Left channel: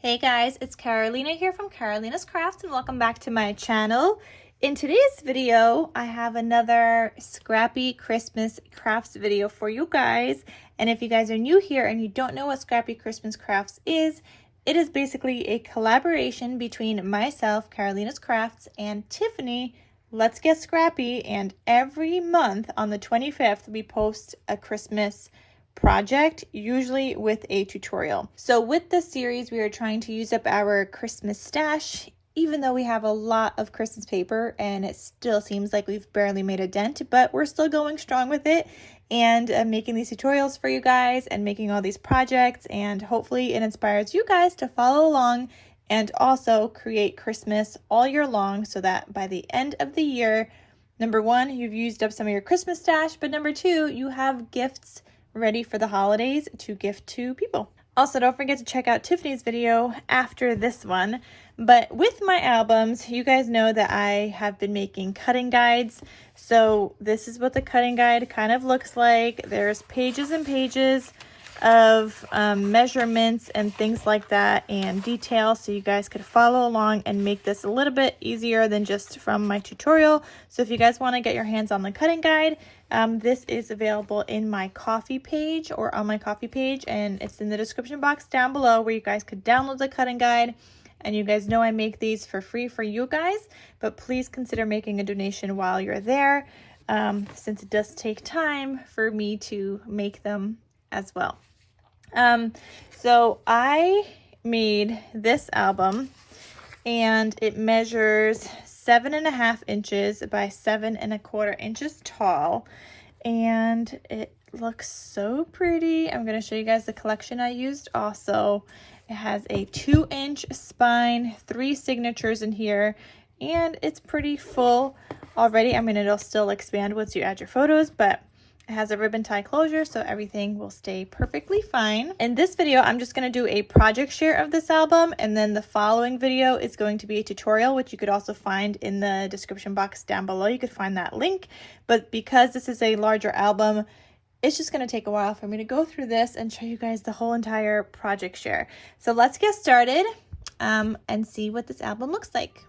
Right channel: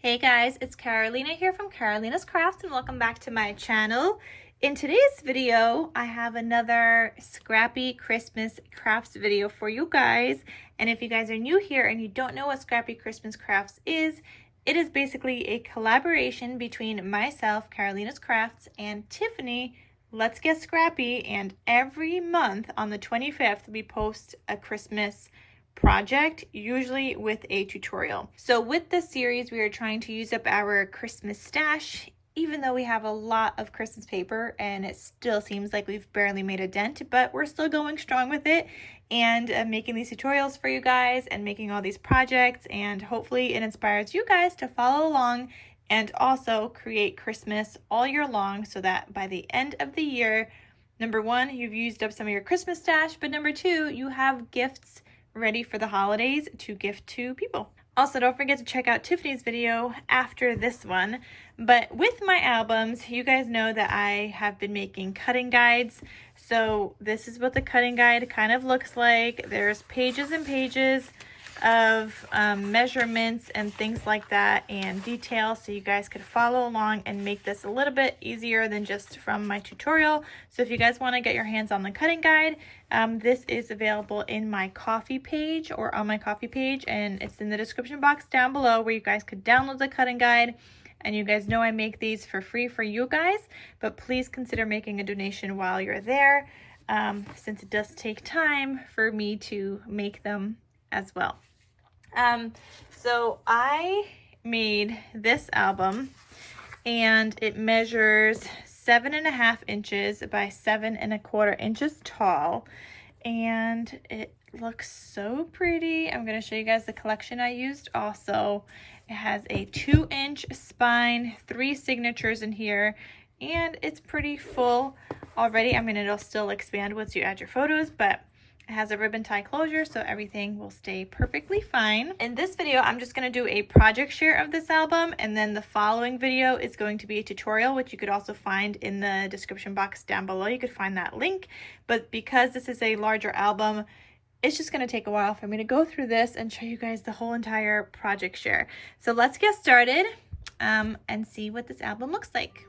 Hey guys, it's Carolina here from KarolinasKrafts and welcome back to my channel. In today's video, I have another scrappy Christmas crafts video for you guys. And if you guys are new here and you don't know what Scrappy Christmas Crafts is, it is basically a collaboration between myself, KarolinasKrafts, and Tiffany, Let's Get Scrappy. And every month on the 25th, we post a Christmas project, usually with a tutorial. So with this series, we are trying to use up our Christmas stash, even though we have a lot of Christmas paper and it still seems like we've barely made a dent, but we're still going strong with it and making these tutorials for you guys and making all these projects, and hopefully it inspires you guys to follow along and also create Christmas all year long, so that by the end of the year, number one, you've used up some of your Christmas stash, but number two, you have gifts ready for the holidays to gift to people. Also, don't forget to check out Tiffany's video after this one. But with my albums, you guys know that I have been making cutting guides. So this is what the cutting guide kind of looks like. There's pages and pages of measurements and things like that and details, so you guys could follow along and make this a little bit easier than just from my tutorial. So if you guys want to get your hands on the cutting guide, this is available in my coffee page or on my coffee page, and it's in the description box down below where you guys could download the cutting guide. And you guys know I make these for free for you guys, but please consider making a donation while you're there, since it does take time for me to make them as well. So I made this album and it measures 7.5 inches by 7.25 inches tall, and it looks so pretty. I'm going to show you guys the collection I used also. It has a 2-inch spine, 3 signatures in here, and it's pretty full already. I mean, it'll still expand once you add your photos, but it has a ribbon tie closure, so everything will stay perfectly fine. In this video, I'm just going to do a project share of this album, and then the following video is going to be a tutorial, which you could also find in the description box down below. You could find that link, but because this is a larger album, it's just going to take a while for me to go through this and show you guys the whole entire project share. So let's get started and see what this album looks like.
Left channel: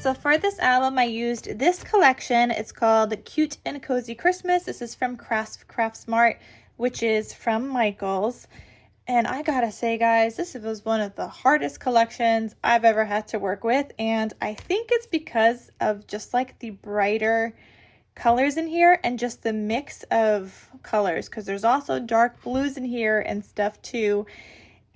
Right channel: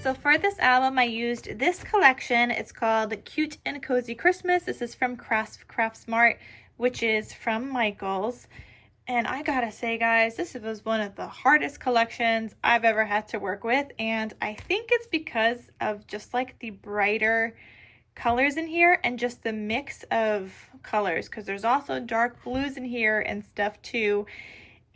So for this album, I used this collection. It's called Cute and Cozy Christmas. This is from Craftsmart, which is from Michael's. And I gotta say, guys, this was one of the hardest collections I've ever had to work with. And I think it's because of just like the brighter colors in here and just the mix of colors, because there's also dark blues in here and stuff too.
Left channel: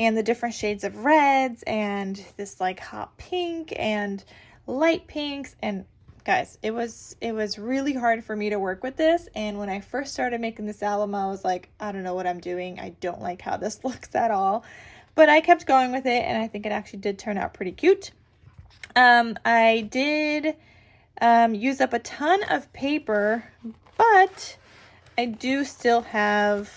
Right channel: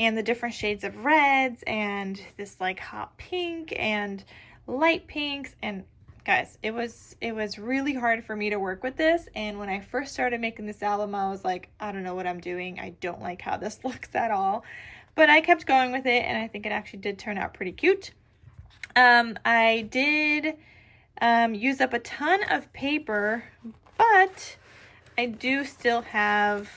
And the different shades of reds and this like hot pink and light pinks. And guys, it was really hard for me to work with this. And when I first started making this album, I was like, I don't know what I'm doing. I don't like how this looks at all. But I kept going with it, and I think it actually did turn out pretty cute. I did use up a ton of paper, but I do still have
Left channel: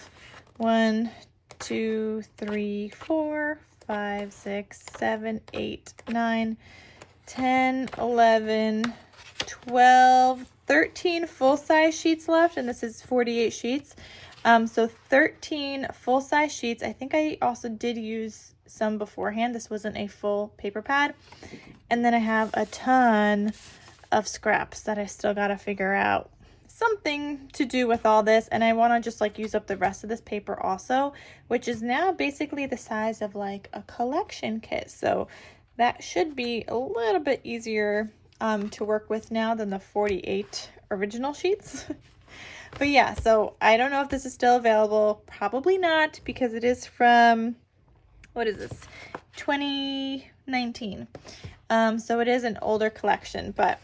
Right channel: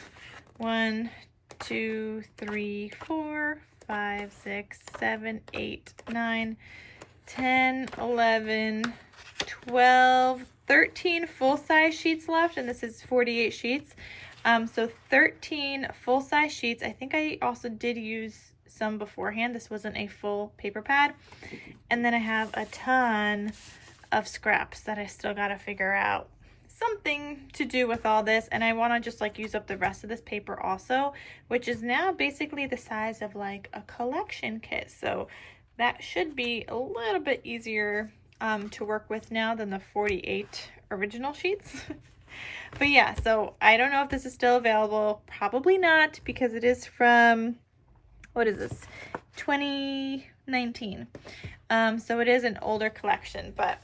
1, 2, 3, 4, 5, 6, 7, 8, 9, 10, 11, 12, 13 full-size sheets left, and this is 48 sheets. So 13 full-size sheets. I think I also did use some beforehand. This wasn't a full paper pad. And then I have a ton of scraps that I still gotta figure out something to do with all this, and I want to just like use up the rest of this paper also, which is now basically the size of like a collection kit. So that should be a little bit easier to work with now than the 48 original sheets. But yeah, so I don't know if this is still available. Probably not, because it is from, what is this, 2019. So it is an older collection, but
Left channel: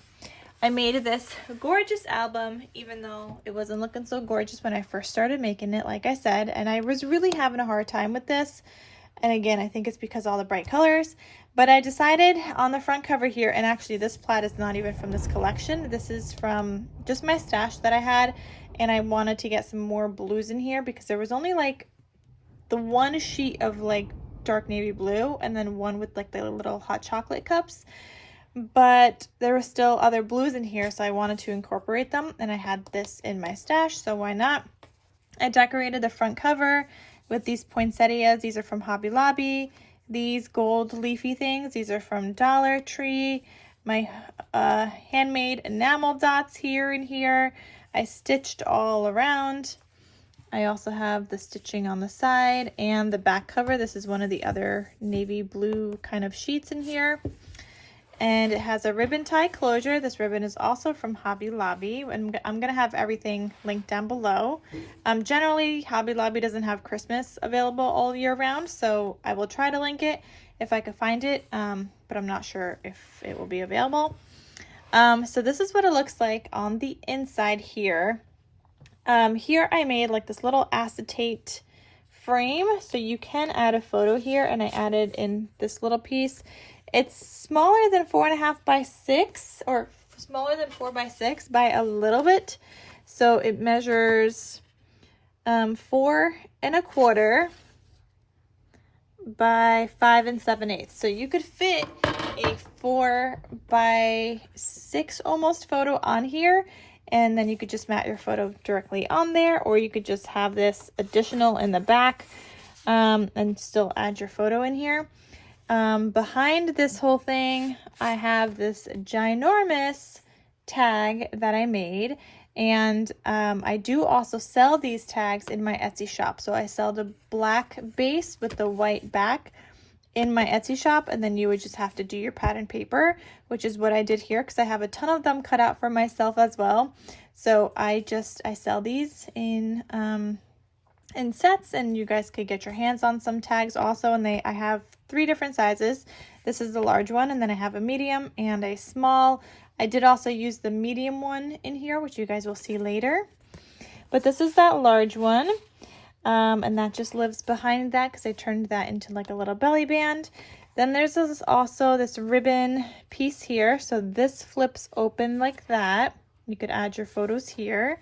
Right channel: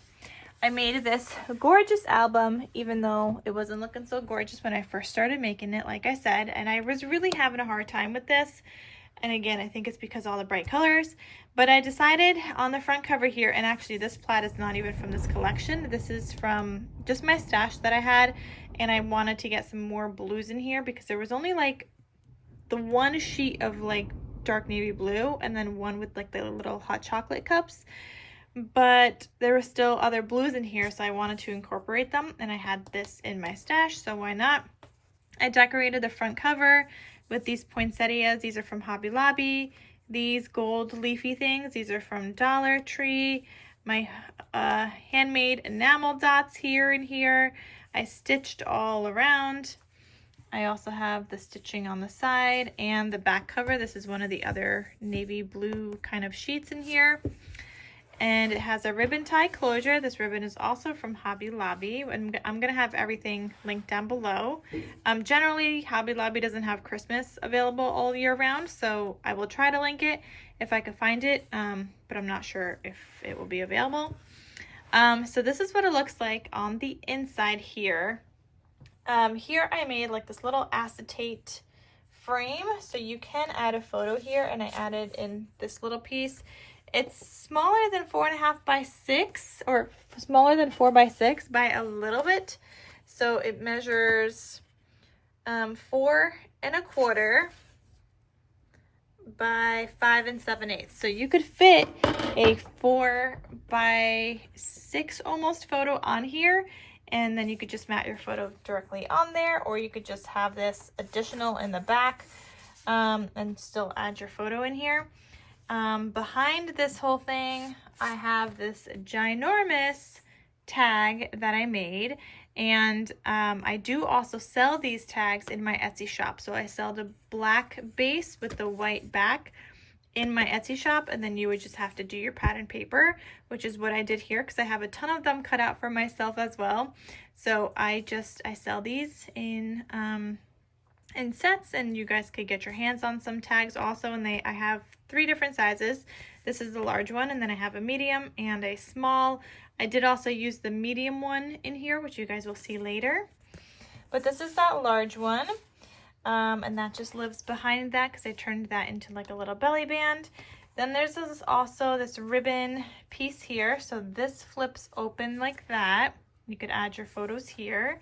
I made this gorgeous album, even though it wasn't looking so gorgeous when I first started making it, like I said, and I was really having a hard time with this. And again, I think it's because all the bright colors, but I decided on the front cover here, and actually this plaid is not even from this collection. This is from just my stash that I had, and I wanted to get some more blues in here because there was only like the one sheet of like dark navy blue and then one with like the little hot chocolate cups. but there were still other blues in here, so I wanted to incorporate them, and I had this in my stash, so why not? I decorated the front cover with these poinsettias. These are from Hobby Lobby. These gold leafy things, these are from Dollar Tree. My handmade enamel dots here and here. I stitched all around. I also have the stitching on the side and the back cover. This is one of the other navy blue kind of sheets in here. And it has a ribbon tie closure. This ribbon is also from Hobby Lobby, and I'm going to have everything linked down below. Generally, Hobby Lobby doesn't have Christmas available all year round, so I will try to link it if I can find it, but I'm not sure if it will be available. So this is what it looks like on the inside here. Here I made like this little acetate frame, so you can add a photo here, and I added in this little piece. It's smaller than 4.5 by 6, or smaller than 4 by 6 by a little bit. So it measures 4 1/4 by 5 7/8. So you could fit a 4 by 6 almost photo on here, and then you could just mount your photo directly on there, or you could just have this additional in the back and still add your photo in here. Behind this whole thing, I have this ginormous tag that I made, and I do also sell these tags in my Etsy shop. So I sell the black base with the white back in my Etsy shop, and then you would just have to do your pattern paper, which is what I did here because I have a ton of them cut out for myself as well. So I sell these in sets, and you guys could get your hands on some tags also, and I have 3 different sizes. This is the large one, and then I have a medium and a small. I did also use the medium one in here, which you guys will see later, but this is that large one, and that just lives behind that because I turned that into like a little belly band. Then there's also this ribbon piece here, so this flips open like that. You could add your photos here,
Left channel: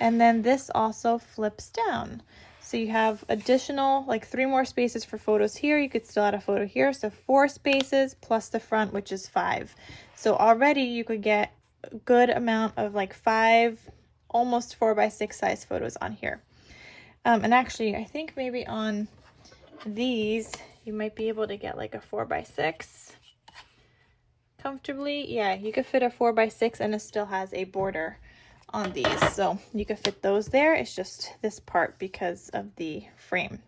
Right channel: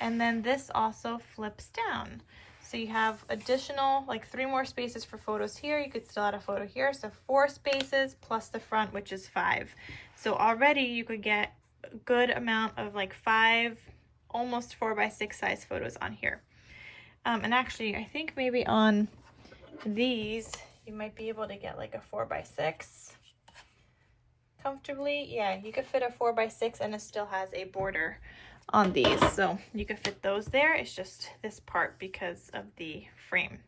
and then this also flips down. So you have additional, like 3 more spaces for photos here. You could still add a photo here. So 4 spaces plus the front, which is 5. So already you could get a good amount of like 5, almost 4 by 6 size photos on here. And actually, I think maybe on these, you might be able to get like a 4 by 6 comfortably. Yeah, you could fit a 4 by 6 and it still has a border on these, so you can fit those there. It's just this part because of the frame.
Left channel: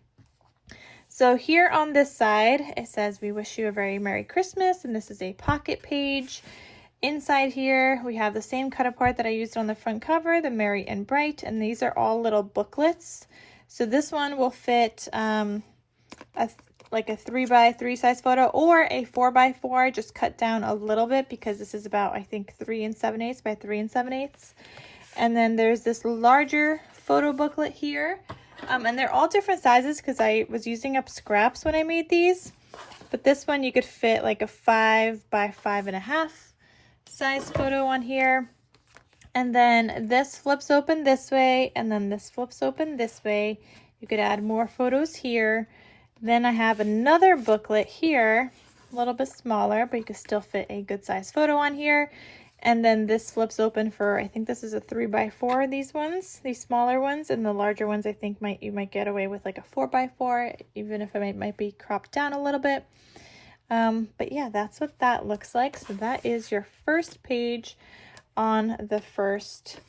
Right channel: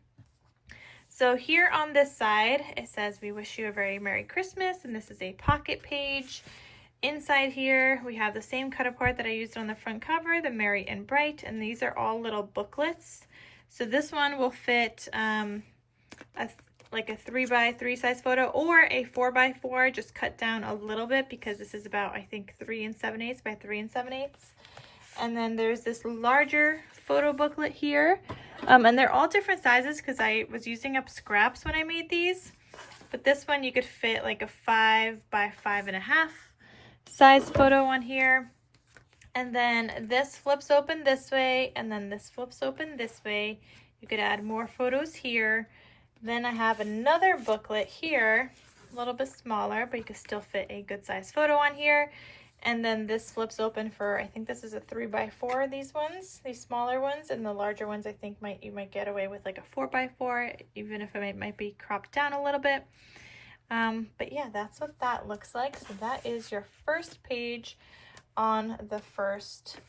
So here on this side it says, "We wish you a very Merry Christmas," and this is a pocket page. Inside here we have the same cut apart that I used on the front cover, the Merry and Bright, and these are all little booklets. So this one will fit like a 3 by 3 size photo, or a 4 by 4, just cut down a little bit because this is about, I think, 3 7/8 by 3 7/8. And then there's this larger photo booklet here, and they're all different sizes because I was using up scraps when I made these. But this one you could fit like a 5 by 5.5 size photo on here. And then this flips open this way, and then this flips open this way. You could add more photos here. Then I have another booklet here, a little bit smaller, but you could still fit a good size photo on here. And then this flips open for, I think this is a 3 by 4, these ones, these smaller ones, and the larger ones I think you might get away with like a 4 by 4, even if it might be cropped down a little bit. But yeah, that's what that looks like. So that is your first page on the first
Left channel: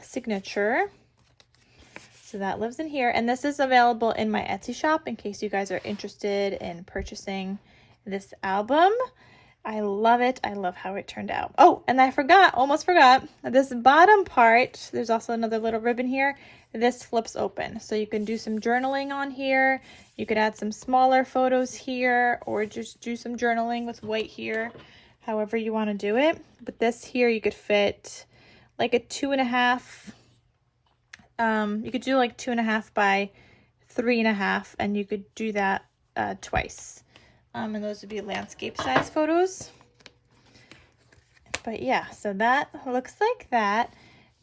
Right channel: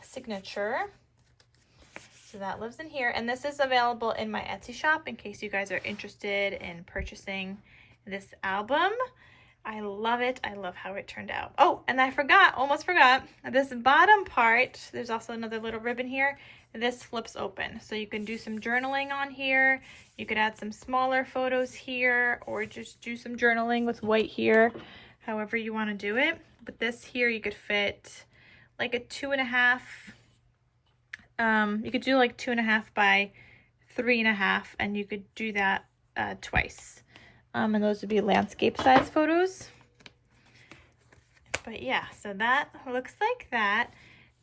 signature. So that lives in here, and this is available in my Etsy shop in case you guys are interested in purchasing this album. I love it. I love how it turned out. Oh, and I almost forgot, this bottom part, there's also another little ribbon here. This flips open. So you can do some journaling on here. You could add some smaller photos here, or just do some journaling with white here, however you want to do it. But this here, you could fit like a 2.5, you could do like 2.5 by 3.5, and you could do that twice. And those would be landscape size photos. But yeah, so that looks like that.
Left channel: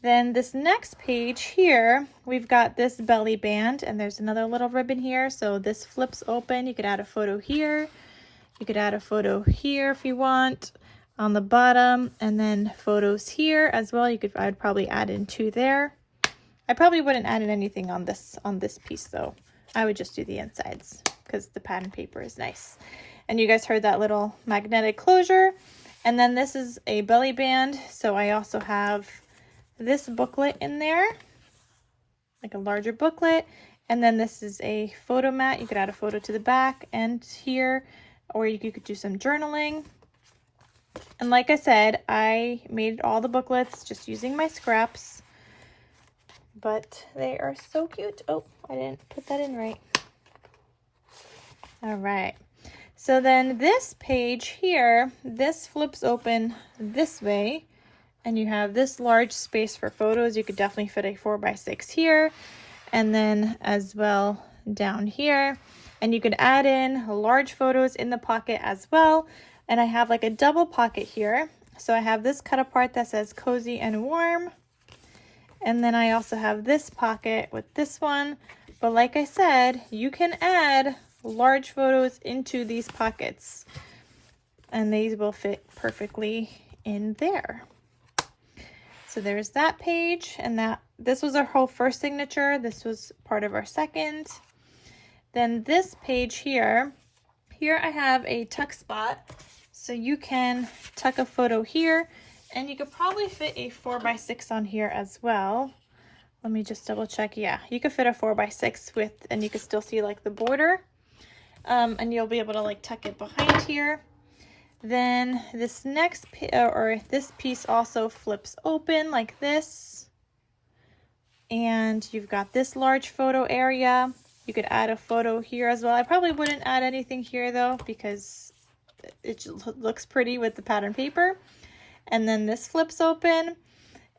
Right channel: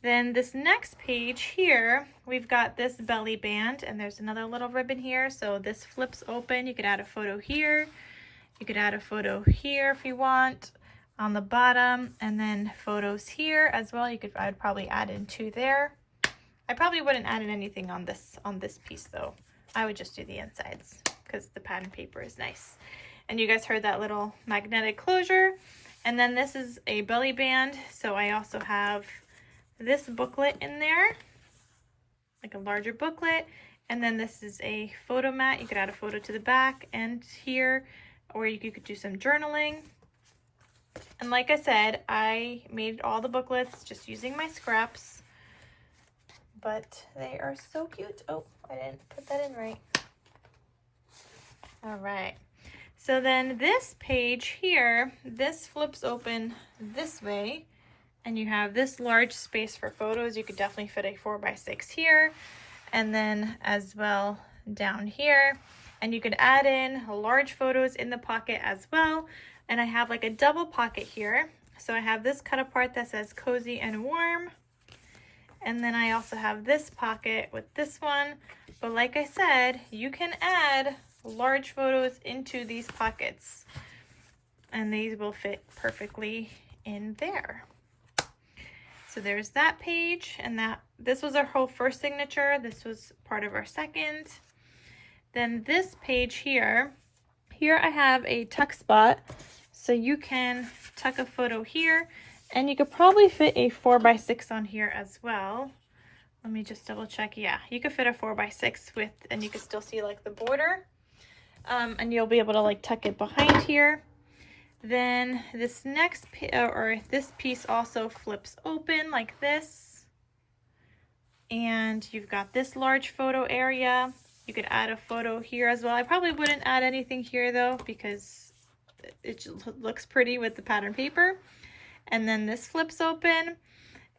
Then this next page here, we've got this belly band, and there's another little ribbon here. So this flips open. You could add a photo here. You could add a photo here if you want. on the bottom, and then photos here as well. I would probably add in 2 there. I probably wouldn't add in anything on this piece though. I would just do the insides because the pattern paper is nice. And you guys heard that little magnetic closure. And then this is a belly band. So I also have this booklet in there, like a larger booklet. And then this is a photo mat. You could add a photo to the back and here, or you could do some journaling. And like I said, I made all the booklets just using my scraps, but they are so cute. Oh, I didn't put that in right. All right. So then this page here, this flips open this way, and you have this large space for photos. You could definitely fit a 4x6 here, and then as well down here. And you could add in large photos in the pocket as well. And I have like a double pocket here. So I have this cut apart that says cozy and warm. And then I also have this pocket with this one. But like I said, you can add large photos into these pockets, and these will fit perfectly in there. So there's that page, and this was our whole first signature. This was part of our second. Then this page here I have a tuck spot, so you can tuck a photo here, and you could probably fit a 4x6 on here as well. Let me just double check. Yeah, you could fit a 4x6 with, and you could still see like the border. And you'll be able to like tuck it behind here. Then this next this piece also flips open like this, and you've got this large photo area. You could add a photo here as well. I probably wouldn't add anything here though, because it looks pretty with the pattern paper. And then this flips open,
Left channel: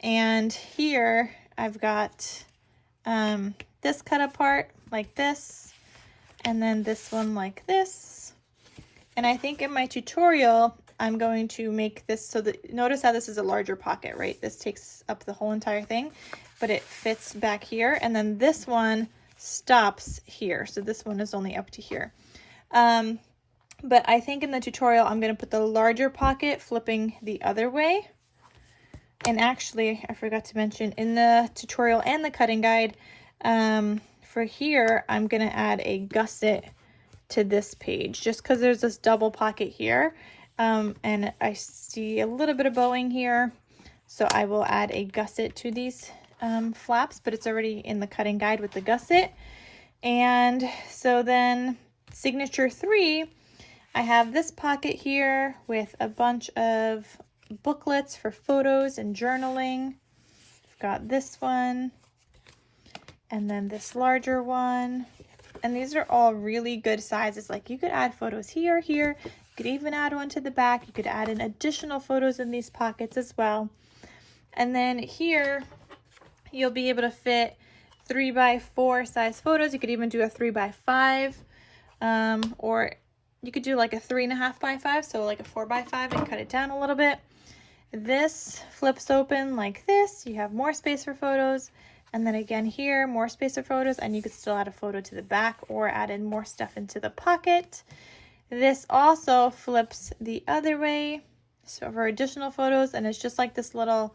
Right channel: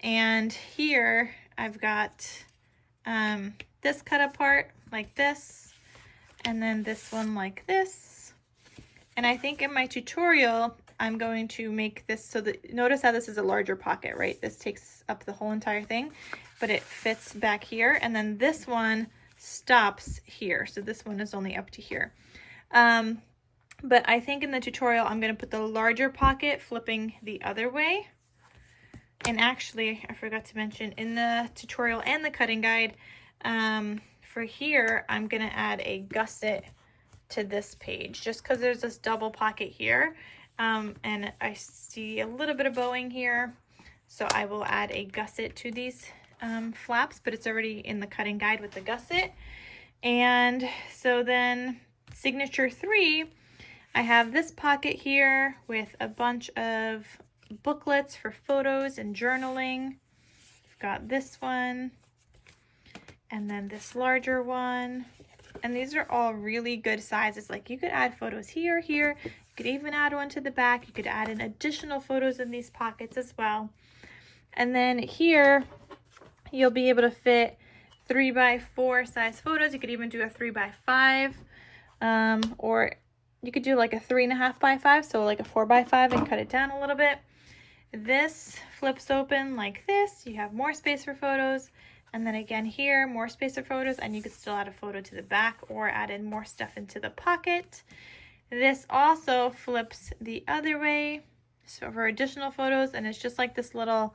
and here I've got this cut apart like this, and then this one like this. And I think in my tutorial, I'm going to make this so that, notice how this is a larger pocket, right? This takes up the whole entire thing, but it fits back here. And then this one stops here. So this one is only up to here. But I think in the tutorial, I'm going to put the larger pocket flipping the other way. And actually, I forgot to mention in the tutorial and the cutting guide, for here, I'm going to add a gusset to this page just because there's this double pocket here. And I see a little bit of bowing here. So I will add a gusset to these flaps, but it's already in the cutting guide with the gusset. And so then signature 3, I have this pocket here with a bunch of booklets for photos and journaling. I've got this one, and then this larger one. And these are all really good sizes. Like you could add photos here, you could even add one to the back. You could add in additional photos in these pockets as well. And then here, you'll be able to fit 3x4 size photos. You could even do a 3x5, or you could do like a 3.5x5, so like a 4x5 and cut it down a little bit. This flips open like this. You have more space for photos. And then again here, more space for photos, and you could still add a photo to the back or add in more stuff into the pocket. This also flips the other way, so for additional photos, and it's just like this little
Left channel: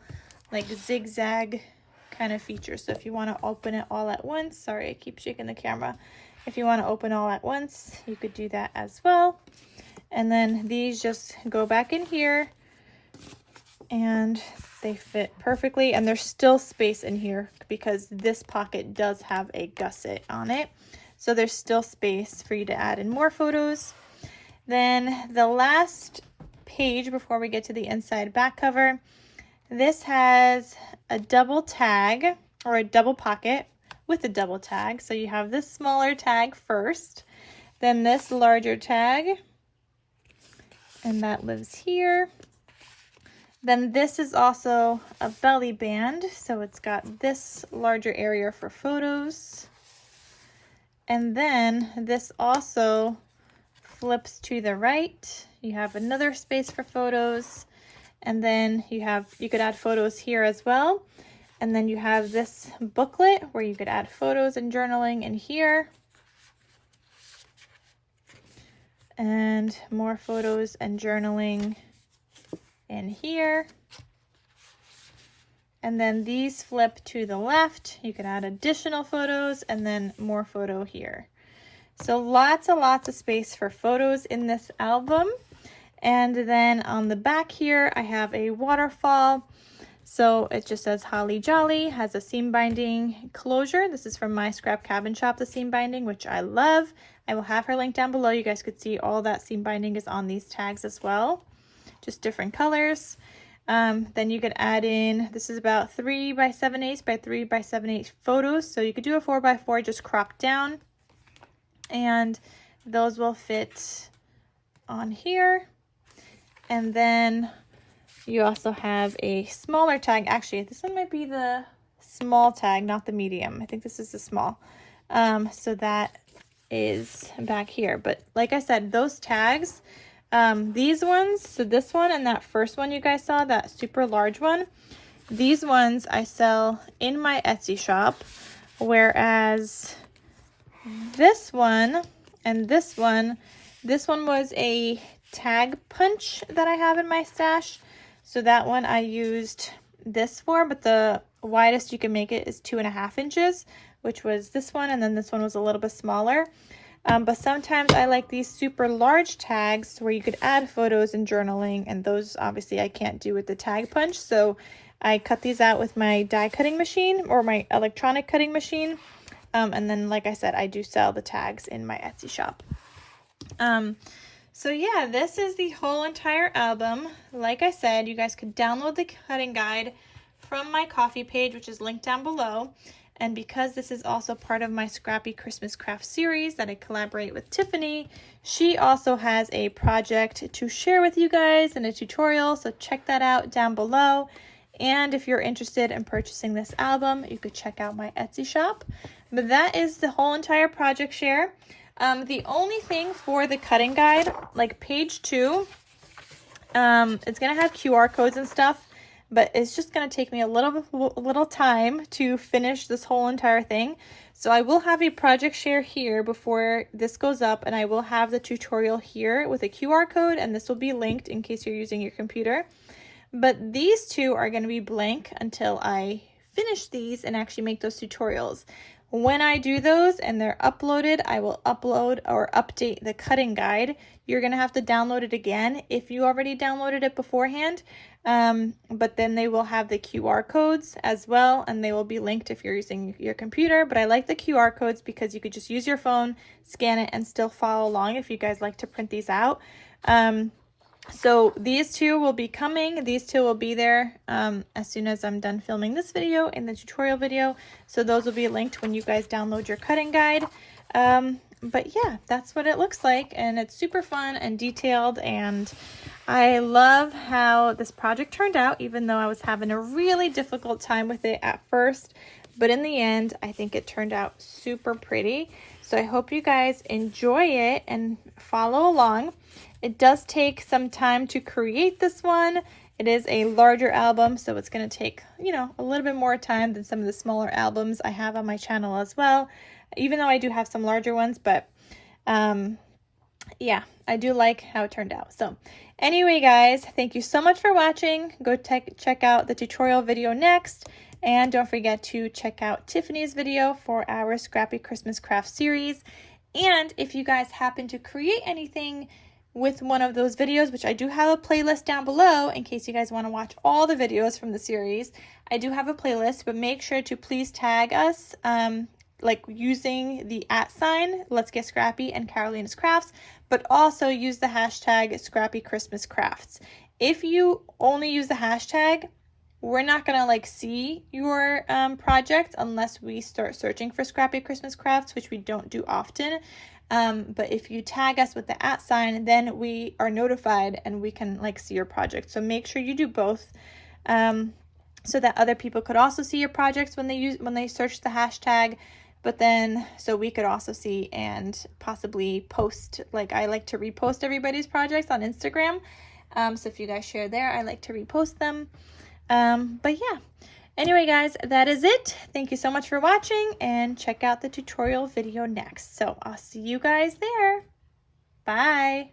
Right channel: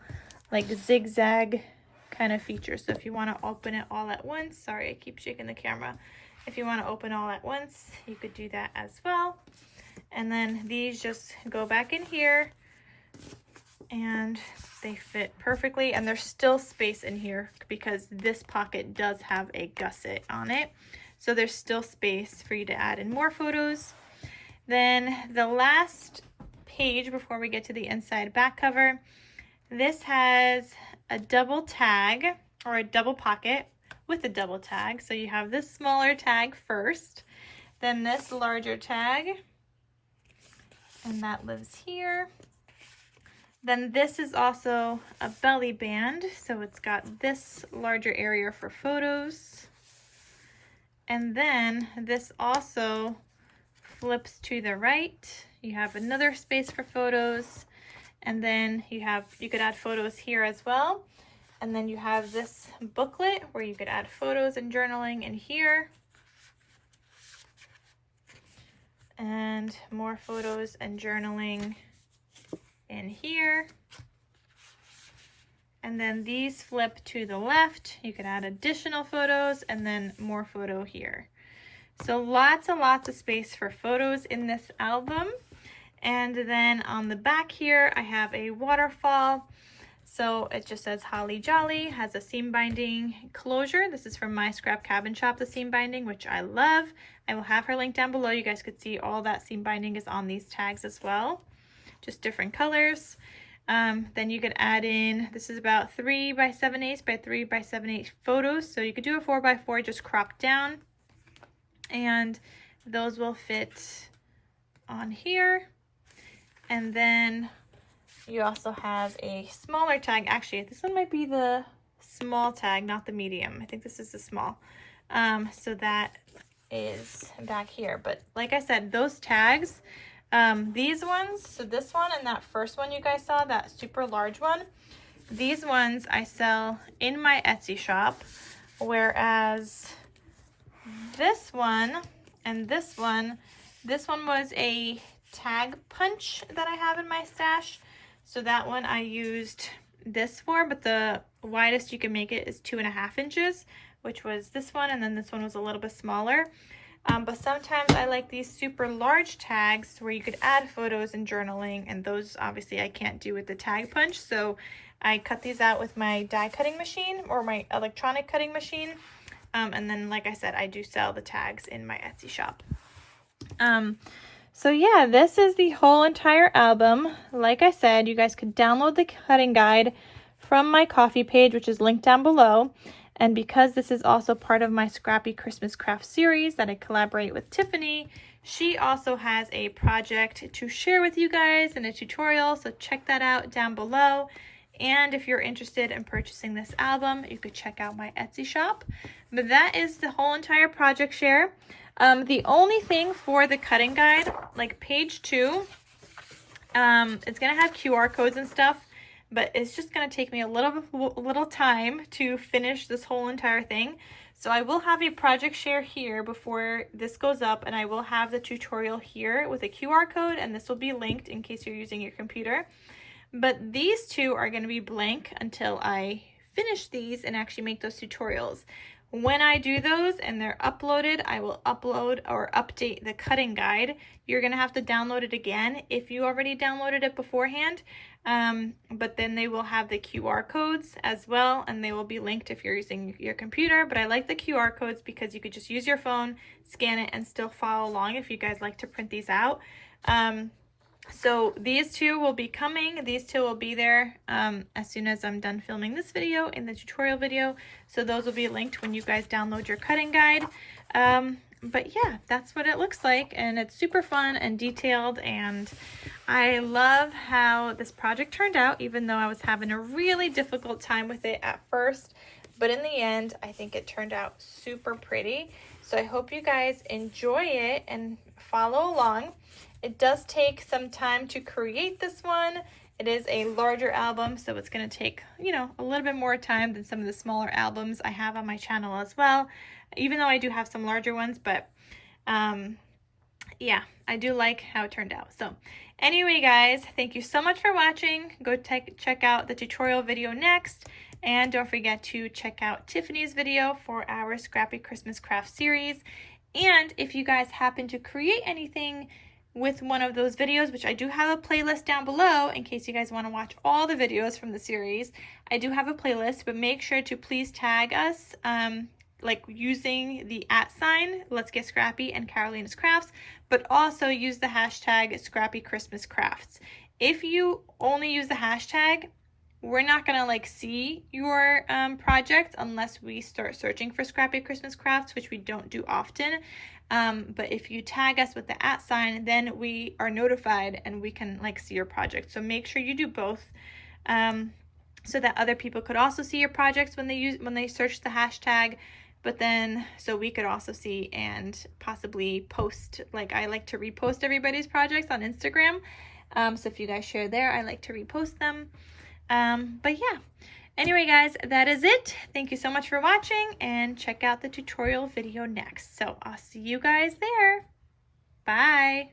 like zigzag kind of feature. So if you want to open it all at once, sorry, I keep shaking the camera. If you want to open all at once, you could do that as well. And then these just go back in here, and they fit perfectly, and there's still space in here because this pocket does have a gusset on it, so there's still space for you to add in more photos. Then the last page before we get to the inside back cover, this has a double tag or a double pocket with a double tag. So you have this smaller tag first, then this larger tag, and that lives here. Then this is also a belly band, so it's got this larger area for photos. And then this also flips to the right. You have another space for photos, and then you could add photos here as well. And then you have this booklet where you could add photos and journaling in here. And more photos and journaling in here. And then these flip to the left. You can add additional photos and then more photo here. So lots and lots of space for photos in this album. And then on the back here, I have a waterfall. So it just says Holly Jolly, has a seam binding closure. This is from My Scrap Cabin Shop, the seam binding, which I love. I will have her link down below. You guys could see all that seam binding is on these tags as well. Just different colors. Then you could add in, this is about 3 by 7/8 by 3 by 7/8 photos. So you could do a 4 by 4 just cropped down. And those will fit on here. And then you also have a smaller tag. Actually, this one might be the small tag, not the medium. I think this is the small. So that is back here. But like I said, those tags, these ones, so this one and that first one you guys saw, that super large one, these ones I sell in my Etsy shop, whereas this one and this one was a tag punch that I have in my stash. So that one I used this for, but the widest you can make it is 2.5 inches, which was this one, and then this one was a little bit smaller. But sometimes I like these super large tags where you could add photos and journaling, and those obviously I can't do with the tag punch. So I cut these out with my die cutting machine or my electronic cutting machine. And then, like I said, I do sell the tags in my Etsy shop. So yeah, this is the whole entire album. Like I said, you guys could download the cutting guide from my Ko-fi page, which is linked down below. And because this is also part of my Scrappy Christmas Craft series that I collaborate with Tiffany, she also has a project to share with you guys and a tutorial, so check that out down below. And if you're interested in purchasing this album, you could check out my Etsy shop. But that is the whole entire project share. The only thing for the cutting guide, like page 2, it's going to have QR codes and stuff. But it's just going to take me a little time to finish this whole entire thing. So I will have a project share here before this goes up, and I will have the tutorial here with a QR code, and this will be linked in case you're using your computer. But these two are going to be blank until I finish these and actually make those tutorials. When I do those and they're uploaded, I will upload or update the cutting guide. You're going to have to download it again if you already downloaded it beforehand. But then they will have the QR codes as well, and they will be linked if you're using your computer. But I like the QR codes because you could just use your phone, scan it, and still follow along if you guys like to print these out. So these two will be coming. These two will be there as soon as I'm done filming this video and the tutorial video. So those will be linked when you guys download your cutting guide. But yeah, that's what it looks like, and it's super fun and detailed, and I love how this project turned out, even though I was having a really difficult time with it at first. But in the end, I think it turned out super pretty. So I hope you guys enjoy it and follow along. It does take some time to create this one. It is a larger album, so it's going to take, you know, a little bit more time than some of the smaller albums I have on my channel as well, even though I do have some larger ones. But yeah, I do like how it turned out. So anyway, guys, thank you so much for watching. Go check out the tutorial video next. And don't forget to check out Tiffany's video for our Scrappy Christmas Craft series. And if you guys happen to create anything with one of those videos, which I do have a playlist down below in case you guys want to watch all the videos from the series, I do have a playlist, but make sure to please tag us like using the @ Let's Get Scrappy and KarolinasKrafts, but also use the hashtag Scrappy Christmas Crafts. If you only use the hashtag, we're not gonna like see your project unless we start searching for Scrappy Christmas Crafts, which we don't do often. But if you tag us with the @ then we are notified and we can like see your project. So make sure you do both, so that other people could also see your projects when they search the hashtag. But then so we could also see and possibly post, like I like to repost everybody's projects on Instagram. So if you guys share there, I like to repost them. But yeah, anyway, guys, that is it. Thank you so much for watching, and check out the tutorial video next. So I'll see you guys there. Bye.